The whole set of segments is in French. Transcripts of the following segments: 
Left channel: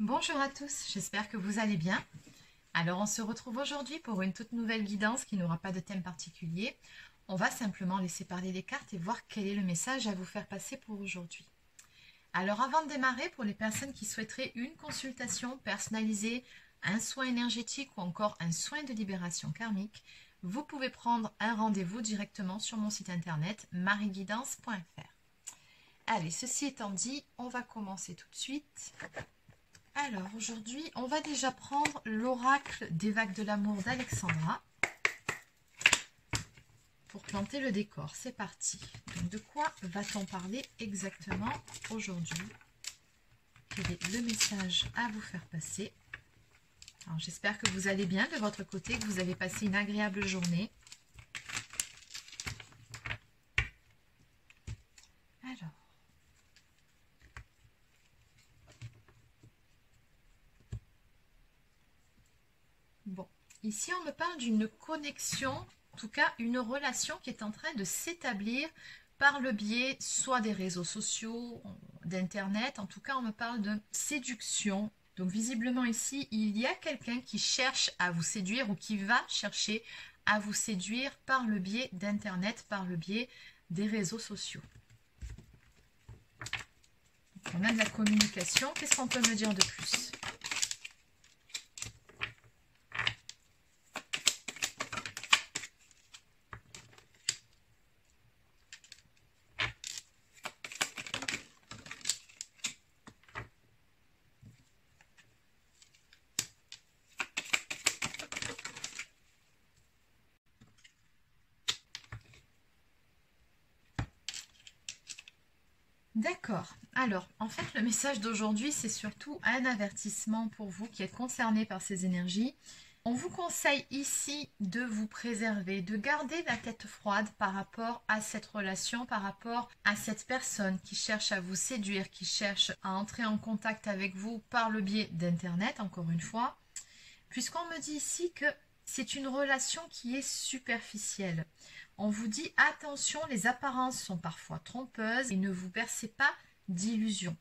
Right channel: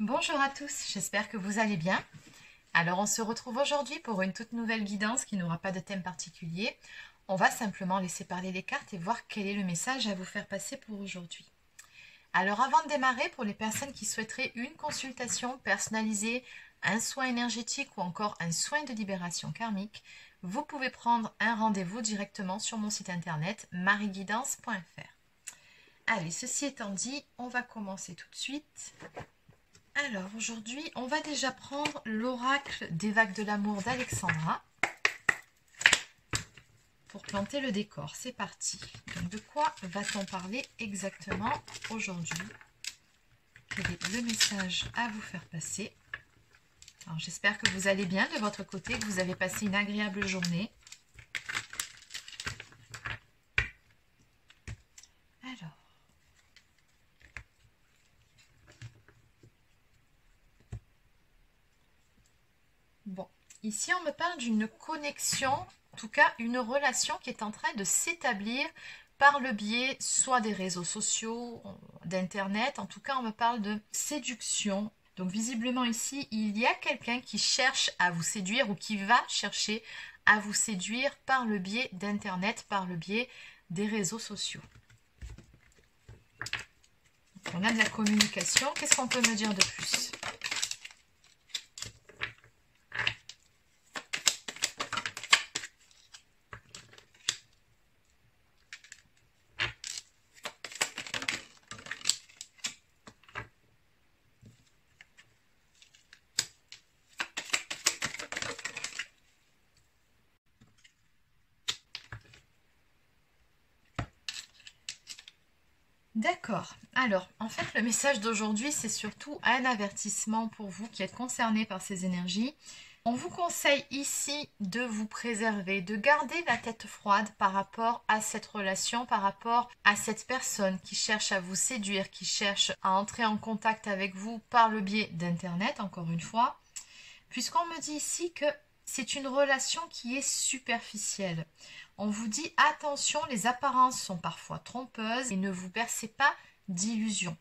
Bonjour à tous, j'espère que vous allez bien. Alors on se retrouve aujourd'hui pour une toute nouvelle guidance qui n'aura pas de thème particulier. On va simplement laisser parler les cartes et voir quel est le message à vous faire passer pour aujourd'hui. Alors avant de démarrer, pour les personnes qui souhaiteraient une consultation personnalisée, un soin énergétique ou encore un soin de libération karmique, vous pouvez prendre un rendez-vous directement sur mon site internet mariguidance.fr. Allez, ceci étant dit, on va commencer tout de suite. Alors aujourd'hui, on va déjà prendre l'oracle des vagues de l'amour d'Alexandra pour planter le décor. C'est parti. Donc de quoi va-t-on parler exactement aujourd'hui? Quel est le message à vous faire passer? Alors j'espère que vous allez bien de votre côté, que vous avez passé une agréable journée. Alors. Bon, ici on me parle d'une connexion, en tout cas une relation qui est en train de s'établir par le biais soit des réseaux sociaux, d'internet, en tout cas on me parle de séduction. Donc visiblement ici, il y a quelqu'un qui cherche à vous séduire ou qui va chercher à vous séduire par le biais d'internet, par le biais des réseaux sociaux. Donc, on a de la communication, qu'est-ce qu'on peut me dire de plus ? D'accord. Alors, en fait, le message d'aujourd'hui, c'est surtout un avertissement pour vous qui êtes concernés par ces énergies. On vous conseille ici de vous préserver, de garder la tête froide par rapport à cette relation, par rapport à cette personne qui cherche à vous séduire, qui cherche à entrer en contact avec vous par le biais d'Internet, encore une fois, puisqu'on me dit ici que c'est une relation qui est superficielle. On vous dit attention, les apparences sont parfois trompeuses et ne vous bercez pas d'illusions.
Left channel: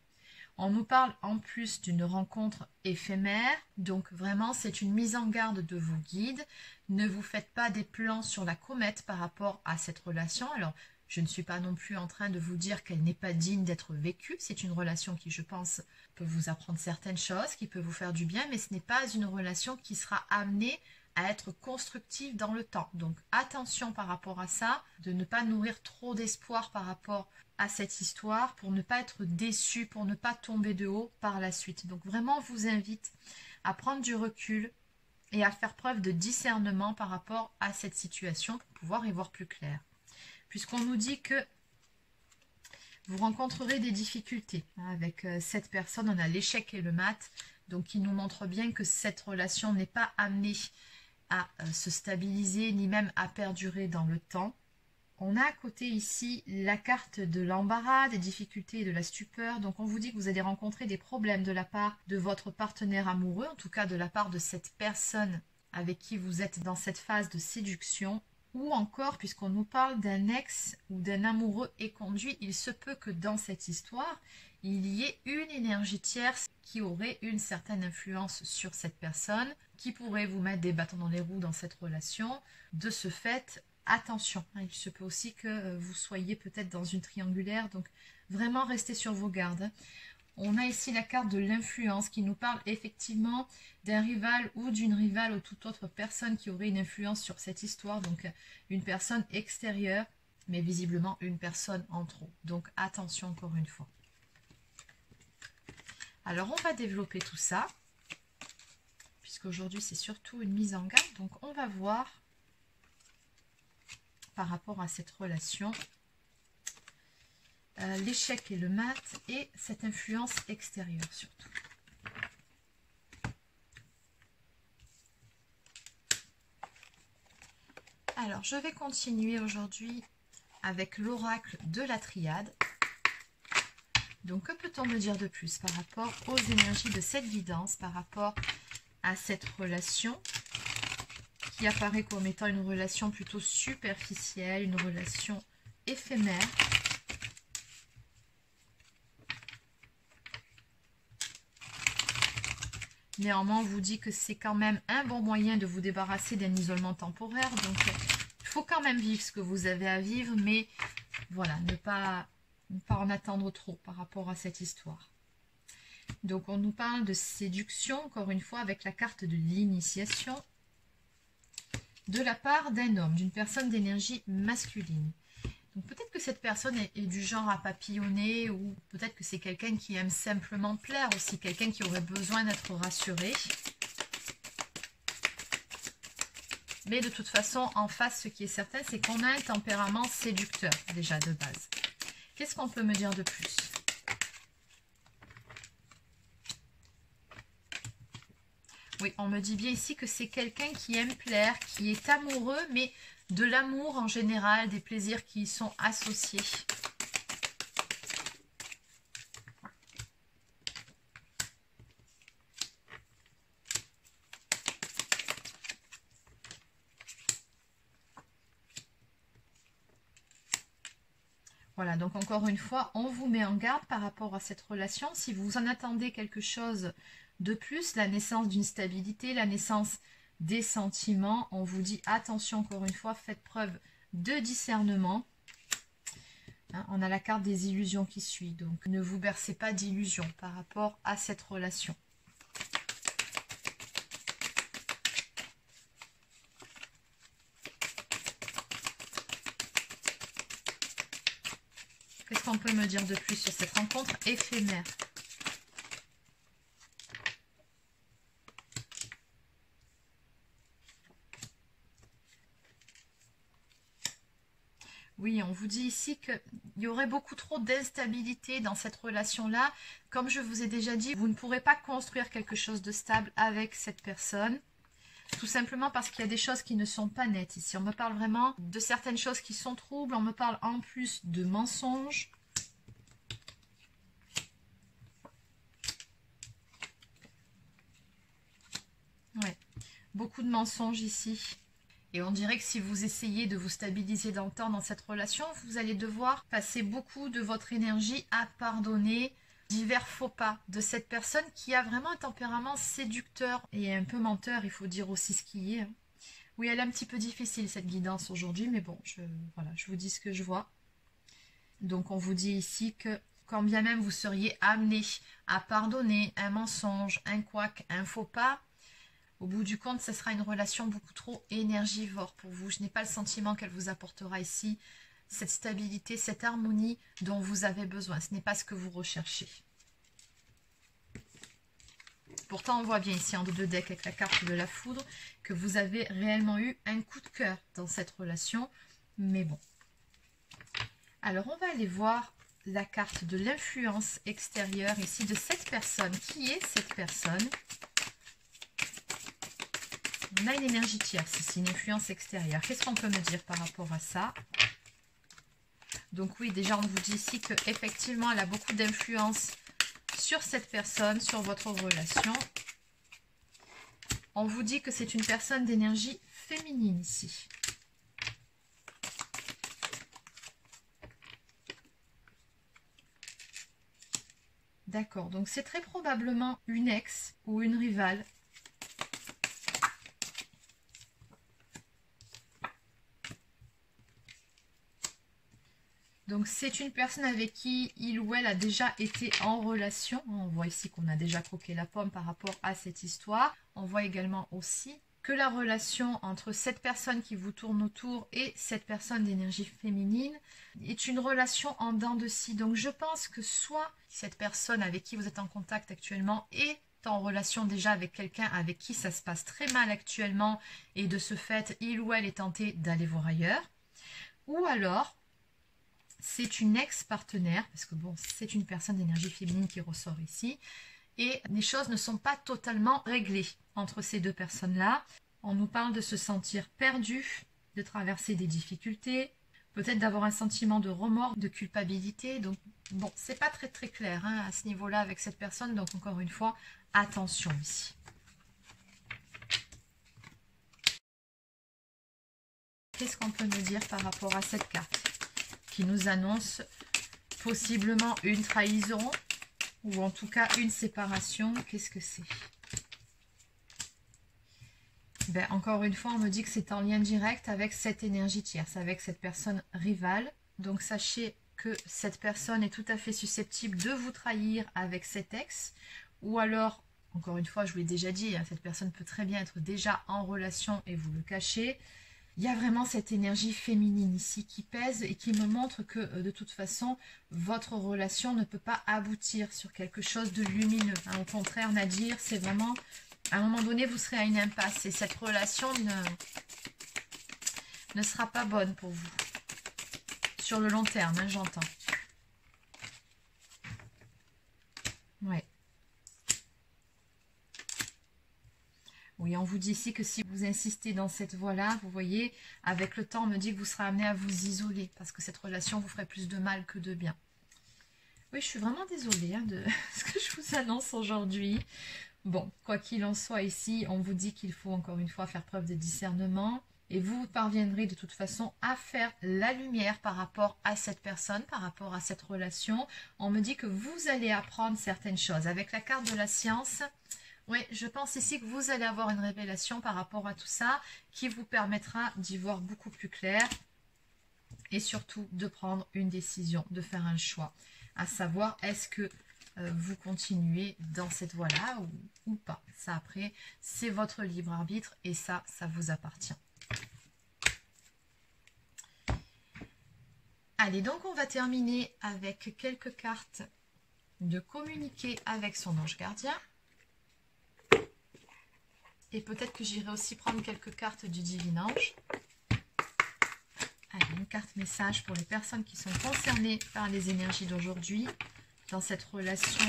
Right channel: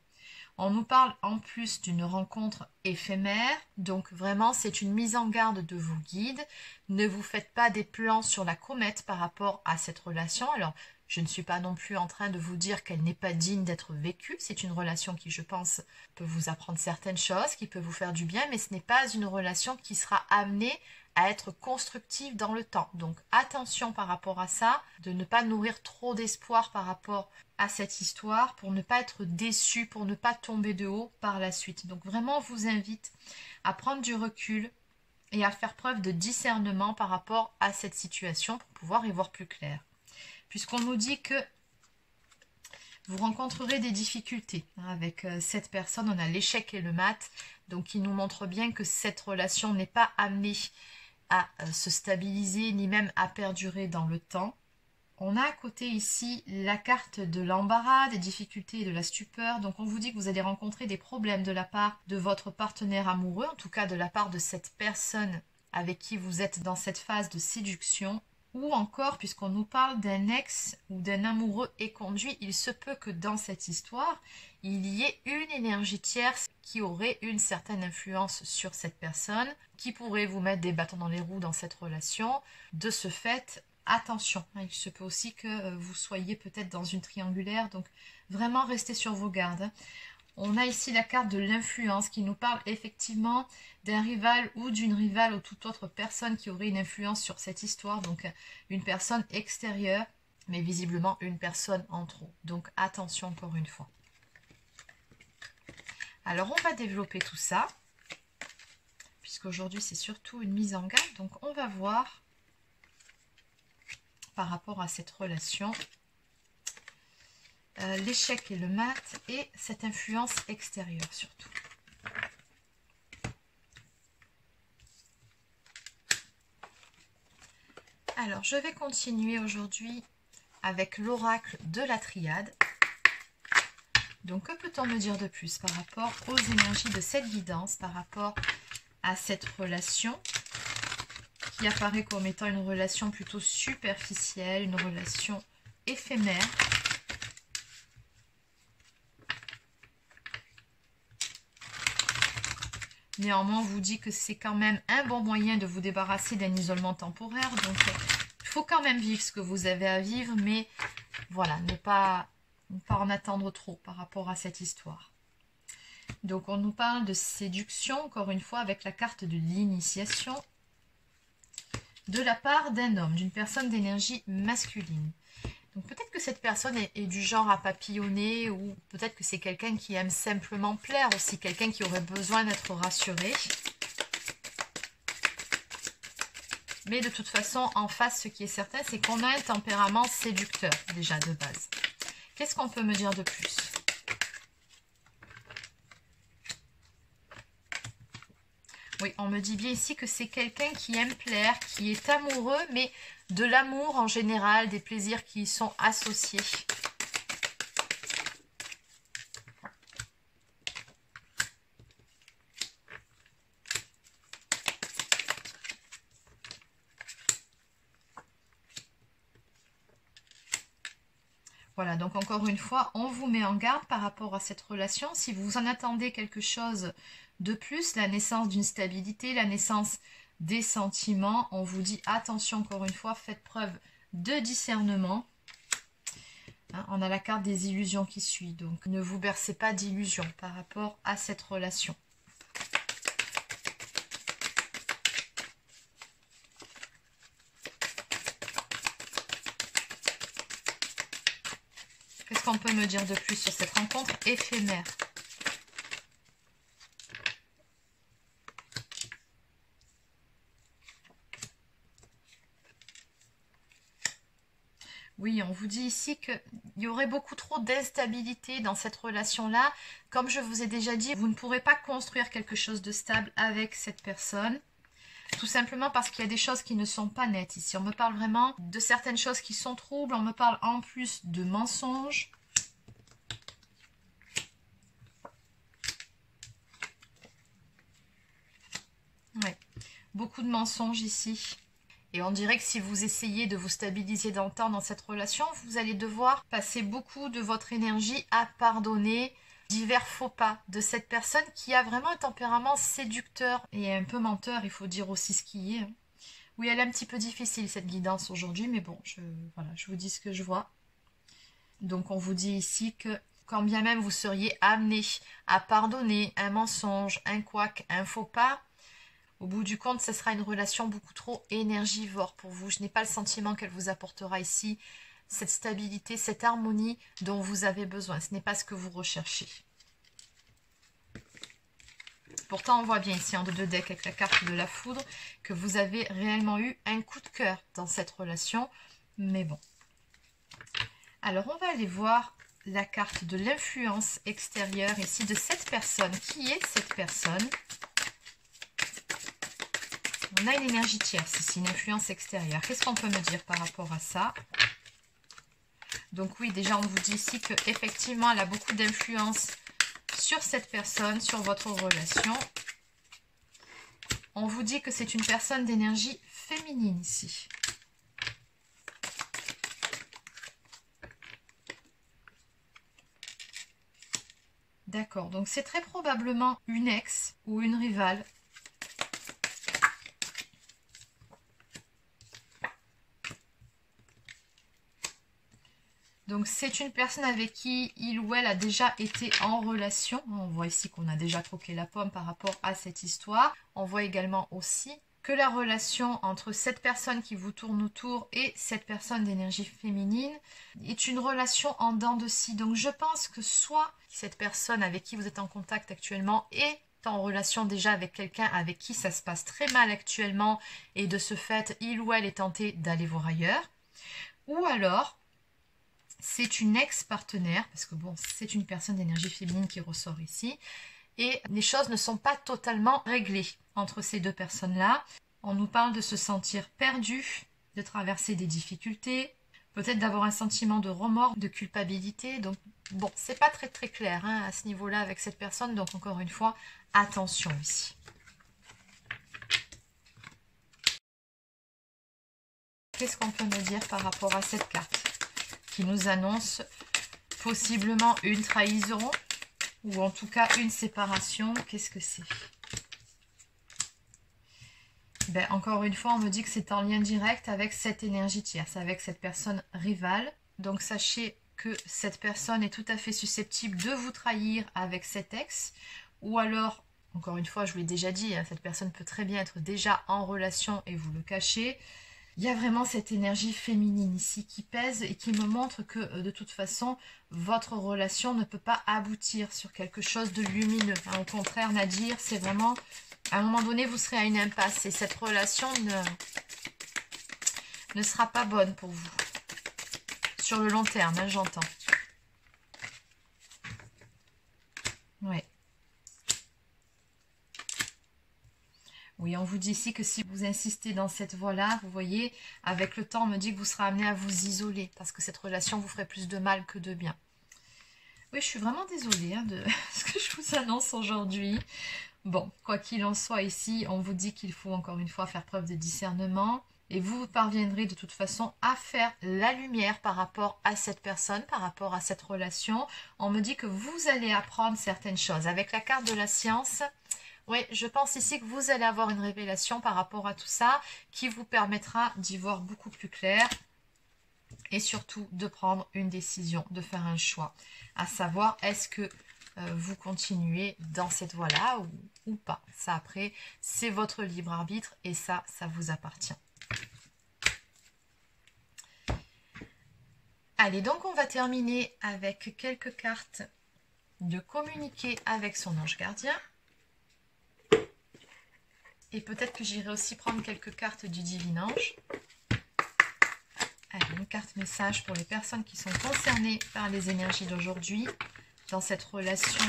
On nous parle en plus d'une rencontre éphémère, donc vraiment c'est une mise en garde de vos guides. Ne vous faites pas des plans sur la comète par rapport à cette relation. Alors, je ne suis pas non plus en train de vous dire qu'elle n'est pas digne d'être vécue. C'est une relation qui, je pense, peut vous apprendre certaines choses, qui peut vous faire du bien, mais ce n'est pas une relation qui sera amenée à être constructive dans le temps. Donc attention par rapport à ça, de ne pas nourrir trop d'espoir par rapport à cette histoire, pour ne pas être déçu, pour ne pas tomber de haut par la suite. Donc vraiment, on vous invite à prendre du recul et à faire preuve de discernement par rapport à cette situation pour pouvoir y voir plus clair. Puisqu'on nous dit que vous rencontrerez des difficultés avec cette personne, on a l'échec et le mat, donc il nous montre bien que cette relation n'est pas amenée à se stabiliser ni même à perdurer dans le temps. On a à côté ici la carte de l'embarras, des difficultés et de la stupeur. Donc on vous dit que vous allez rencontrer des problèmes de la part de votre partenaire amoureux, en tout cas de la part de cette personne avec qui vous êtes dans cette phase de séduction. Ou encore, puisqu'on nous parle d'un ex ou d'un amoureux éconduit, il se peut que dans cette histoire, il y ait une énergie tierce qui aurait une certaine influence sur cette personne, qui pourrait vous mettre des bâtons dans les roues dans cette relation. De ce fait, attention, il se peut aussi que vous soyez peut-être dans une triangulaire, donc vraiment restez sur vos gardes. On a ici la carte de l'influence qui nous parle effectivement d'un rival ou d'une rivale ou toute autre personne qui aurait une influence sur cette histoire, donc une personne extérieure, mais visiblement une personne en trop. Donc attention encore une fois. Alors on va développer tout ça, puisqu'aujourd'hui c'est surtout une mise en garde, donc on va voir par rapport à cette relation l'échec et le mat et cette influence extérieure surtout. Alors je vais continuer aujourd'hui avec l'oracle de la triade. Donc que peut-on me dire de plus par rapport aux énergies de cette guidance, par rapport à cette relation qui apparaît comme étant une relation plutôt superficielle, une relation éphémère. Néanmoins, on vous dit que c'est quand même un bon moyen de vous débarrasser d'un isolement temporaire. Donc, il faut quand même vivre ce que vous avez à vivre, mais voilà, ne pas en attendre trop par rapport à cette histoire. Donc, on nous parle de séduction, encore une fois, avec la carte de l'initiation, de la part d'un homme, d'une personne d'énergie masculine. Donc, peut-être que cette personne est du genre à papillonner, ou peut-être que c'est quelqu'un qui aime simplement plaire aussi, quelqu'un qui aurait besoin d'être rassuré. Mais de toute façon, en face, ce qui est certain, c'est qu'on a un tempérament séducteur, déjà, de base. Qu'est-ce qu'on peut me dire de plus? Oui, on me dit bien ici que c'est quelqu'un qui aime plaire, qui est amoureux, mais de l'amour en général, des plaisirs qui y sont associés. Voilà, donc encore une fois, on vous met en garde par rapport à cette relation. Si vous en attendez quelque chose de plus, la naissance d'une stabilité, la naissance des sentiments, on vous dit attention encore une fois, faites preuve de discernement. Hein, on a la carte des illusions qui suit, donc ne vous bercez pas d'illusions par rapport à cette relation. Qu'est-ce qu'on peut me dire de plus sur cette rencontre éphémère? Oui, on vous dit ici qu'il y aurait beaucoup trop d'instabilité dans cette relation-là. Comme je vous ai déjà dit, vous ne pourrez pas construire quelque chose de stable avec cette personne. Tout simplement parce qu'il y a des choses qui ne sont pas nettes ici. On me parle vraiment de certaines choses qui sont troubles. On me parle en plus de mensonges. Ouais, beaucoup de mensonges ici. Et on dirait que si vous essayez de vous stabiliser dans le temps dans cette relation, vous allez devoir passer beaucoup de votre énergie à pardonner divers faux pas de cette personne qui a vraiment un tempérament séducteur et un peu menteur, il faut dire aussi ce qui est. Oui, elle est un petit peu difficile cette guidance aujourd'hui, mais bon, voilà, je vous dis ce que je vois. Donc on vous dit ici que quand bien même vous seriez amené à pardonner un mensonge, un couac, un faux pas, au bout du compte, ce sera une relation beaucoup trop énergivore pour vous. Je n'ai pas le sentiment qu'elle vous apportera ici cette stabilité, cette harmonie dont vous avez besoin. Ce n'est pas ce que vous recherchez. Pourtant, on voit bien ici en deux decks avec la carte de la foudre que vous avez réellement eu un coup de cœur dans cette relation. Mais bon. Alors, on va aller voir la carte de l'influence extérieure ici de cette personne. Qui est cette personne ? On a une énergie tierce ici, une influence extérieure. Qu'est-ce qu'on peut me dire par rapport à ça? Donc oui, déjà on vous dit ici qu'effectivement elle a beaucoup d'influence sur cette personne, sur votre relation. On vous dit que c'est une personne d'énergie féminine ici. D'accord, donc c'est très probablement une ex ou une rivale. Donc c'est une personne avec qui il ou elle a déjà été en relation. On voit ici qu'on a déjà croqué la pomme par rapport à cette histoire. On voit également aussi que la relation entre cette personne qui vous tourne autour et cette personne d'énergie féminine est une relation en dents de scie. Donc je pense que soit cette personne avec qui vous êtes en contact actuellement est en relation déjà avec quelqu'un avec qui ça se passe très mal actuellement et de ce fait il ou elle est tenté d'aller voir ailleurs. Ou alors c'est une ex-partenaire, parce que bon, c'est une personne d'énergie féminine qui ressort ici, et les choses ne sont pas totalement réglées entre ces deux personnes-là. On nous parle de se sentir perdu, de traverser des difficultés, peut-être d'avoir un sentiment de remords, de culpabilité. Donc bon, c'est pas très très clair hein, à ce niveau-là avec cette personne, donc encore une fois, attention ici. Qu'est-ce qu'on peut me dire par rapport à cette carte qui nous annonce possiblement une trahison ou en tout cas une séparation? Qu'est-ce que c'est? Ben, encore une fois, on me dit que c'est en lien direct avec cette énergie tierce, avec cette personne rivale. Donc sachez que cette personne est tout à fait susceptible de vous trahir avec cet ex. Ou alors, encore une fois, je vous l'ai déjà dit, hein, cette personne peut très bien être déjà en relation et vous le cachez. Il y a vraiment cette énergie féminine ici qui pèse et qui me montre que de toute façon, votre relation ne peut pas aboutir sur quelque chose de lumineux. Hein, au contraire, Nadir, c'est vraiment, à un moment donné, vous serez à une impasse et cette relation ne sera pas bonne pour vous. Sur le long terme, hein, j'entends. Ouais. Oui, on vous dit ici que si vous insistez dans cette voie-là, vous voyez, avec le temps, on me dit que vous serez amené à vous isoler parce que cette relation vous ferait plus de mal que de bien. Oui, je suis vraiment désolée hein, de ce que je vous annonce aujourd'hui. Bon, quoi qu'il en soit ici, on vous dit qu'il faut encore une fois faire preuve de discernement et vous parviendrez de toute façon à faire la lumière par rapport à cette personne, par rapport à cette relation. On me dit que vous allez apprendre certaines choses. Avec la carte de la science... Oui, je pense ici que vous allez avoir une révélation par rapport à tout ça qui vous permettra d'y voir beaucoup plus clair et surtout de prendre une décision, de faire un choix. À savoir, est-ce que vous continuez dans cette voie-là ou pas. Ça après, c'est votre libre arbitre et ça vous appartient. Allez, donc on va terminer avec quelques cartes de communiquer avec son ange gardien. Et peut-être que j'irai aussi prendre quelques cartes du divin ange. Allez, une carte message pour les personnes qui sont concernées par les énergies d'aujourd'hui. Dans cette relation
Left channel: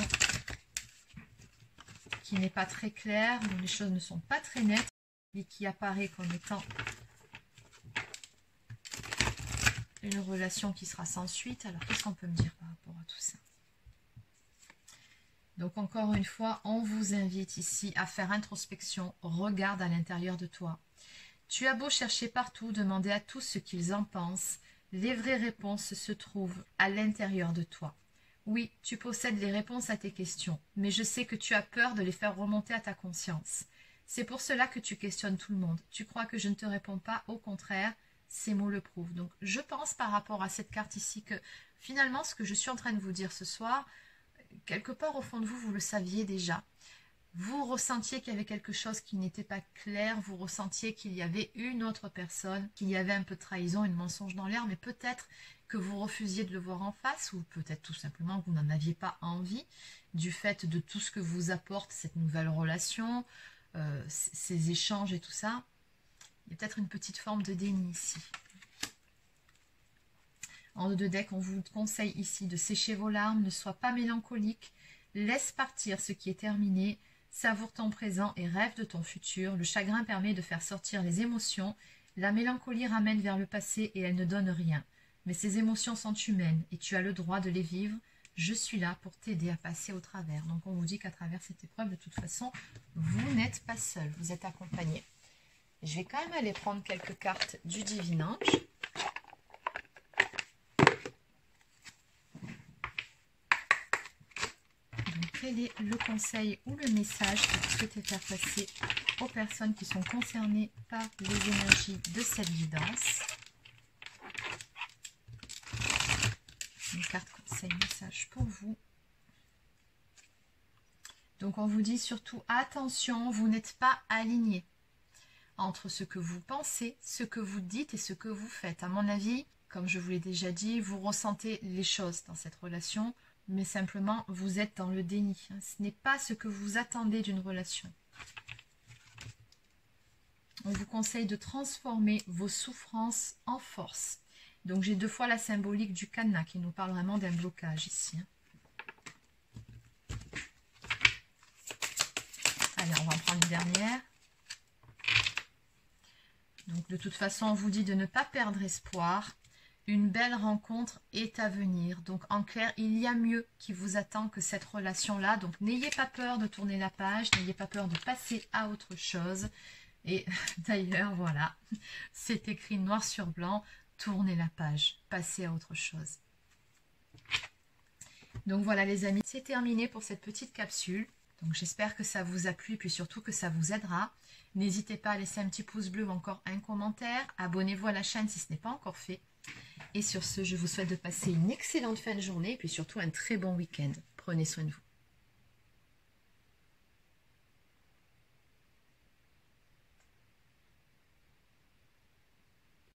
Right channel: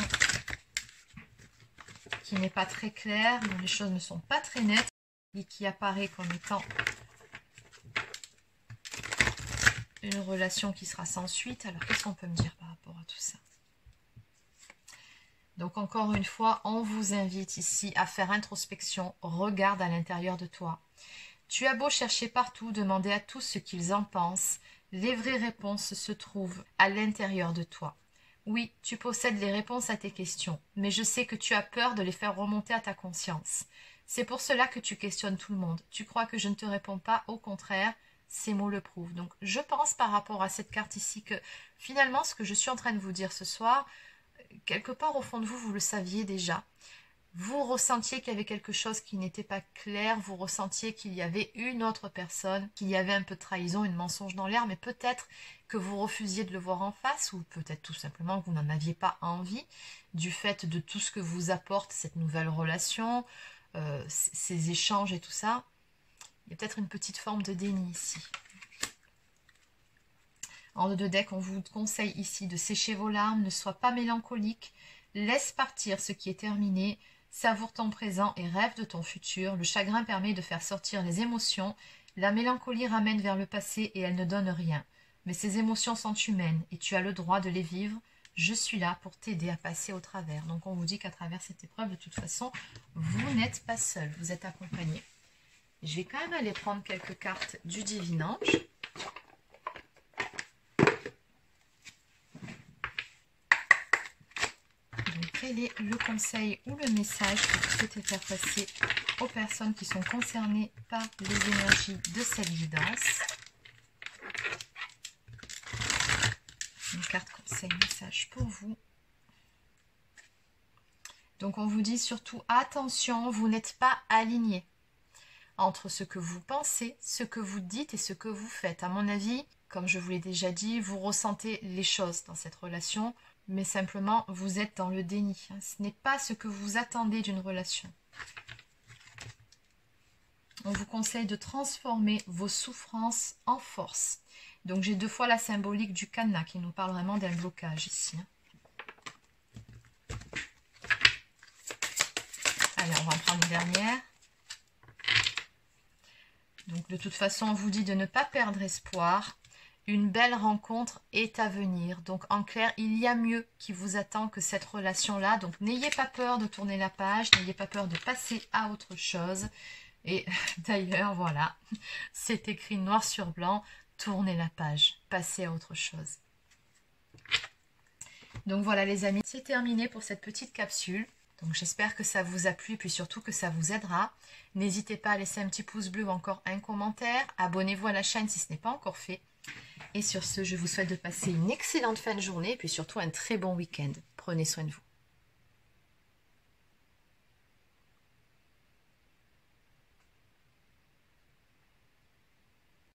qui n'est pas très claire, dont les choses ne sont pas très nettes. Et qui apparaît comme étant une relation qui sera sans suite. Alors, qu'est-ce qu'on peut me dire par rapport à tout ça ? Donc encore une fois, on vous invite ici à faire introspection, regarde à l'intérieur de toi. Tu as beau chercher partout, demander à tous ce qu'ils en pensent, les vraies réponses se trouvent à l'intérieur de toi. Oui, tu possèdes les réponses à tes questions, mais je sais que tu as peur de les faire remonter à ta conscience. C'est pour cela que tu questionnes tout le monde. Tu crois que je ne te réponds pas, au contraire, ces mots le prouvent. Donc je pense par rapport à cette carte ici que finalement ce que je suis en train de vous dire ce soir, quelque part au fond de vous, vous le saviez déjà. Vous ressentiez qu'il y avait quelque chose qui n'était pas clair, vous ressentiez qu'il y avait une autre personne, qu'il y avait un peu de trahison, une mensonge dans l'air, mais peut-être que vous refusiez de le voir en face, ou peut-être tout simplement que vous n'en aviez pas envie, du fait de tout ce que vous apporte cette nouvelle relation, ces échanges et tout ça. Il y a peut-être une petite forme de déni ici. En deux de deck, on vous conseille ici de sécher vos larmes, ne sois pas mélancolique, laisse partir ce qui est terminé, savoure ton présent et rêve de ton futur. Le chagrin permet de faire sortir les émotions, la mélancolie ramène vers le passé et elle ne donne rien. Mais ces émotions sont humaines et tu as le droit de les vivre. Je suis là pour t'aider à passer au travers. Donc on vous dit qu'à travers cette épreuve, de toute façon, vous n'êtes pas seul, vous êtes accompagné. Je vais quand même aller prendre quelques cartes du divin ange. Quel est le conseil ou le message que vous souhaitez faire passer aux personnes qui sont concernées par les énergies de cette guidance? Une carte conseil message pour vous. Donc on vous dit surtout attention, vous n'êtes pas aligné entre ce que vous pensez, ce que vous dites et ce que vous faites. À mon avis, comme je vous l'ai déjà dit, vous ressentez les choses dans cette relation, mais simplement vous êtes dans le déni. Ce n'est pas ce que vous attendez d'une relation. On vous conseille de transformer vos souffrances en force. Donc j'ai deux fois la symbolique du cadenas qui nous parle vraiment d'un blocage ici. Allez, on va en prendre une dernière. Donc de toute façon, on vous dit de ne pas perdre espoir. Une belle rencontre est à venir. Donc en clair, il y a mieux qui vous attend que cette relation-là. Donc n'ayez pas peur de tourner la page, n'ayez pas peur de passer à autre chose. Et d'ailleurs, voilà, c'est écrit noir sur blanc, tournez la page, passez à autre chose. Donc voilà les amis, c'est terminé pour cette petite capsule. Donc j'espère que ça vous a plu et puis surtout que ça vous aidera. N'hésitez pas à laisser un petit pouce bleu ou encore un commentaire. Abonnez-vous à la chaîne si ce n'est pas encore fait. Et sur ce, je vous souhaite de passer une excellente fin de journée et puis surtout un très bon week-end. Prenez soin de vous.